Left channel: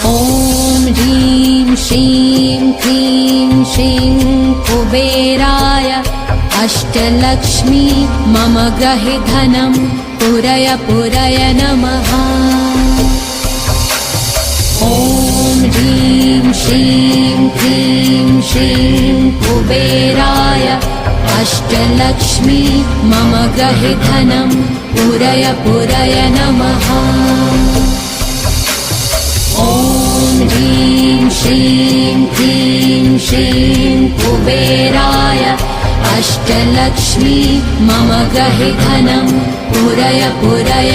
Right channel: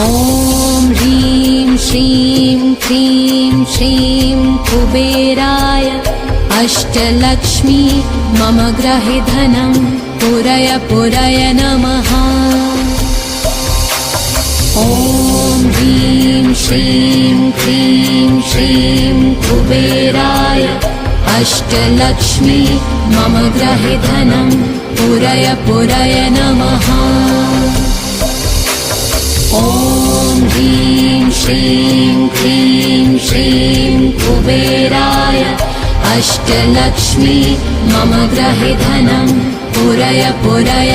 ॐ ह्रीं श्रीं क्रीं श्रीं कुबेराय अष्टलक्ष्मी मम ग्रहे धनं पुरय पुरय नमः। ॐ ह्रीं श्रीं क्रीं श्रीं कुबेराय अष्टलक्ष्मी मम ग्रहे धनं पुरय पुरय नमः। ॐ ह्रीं श्रीं क्रीं श्रीं कुबेराय अष्टलक्ष्मी मम ग्रहे धनं पुरय पुरय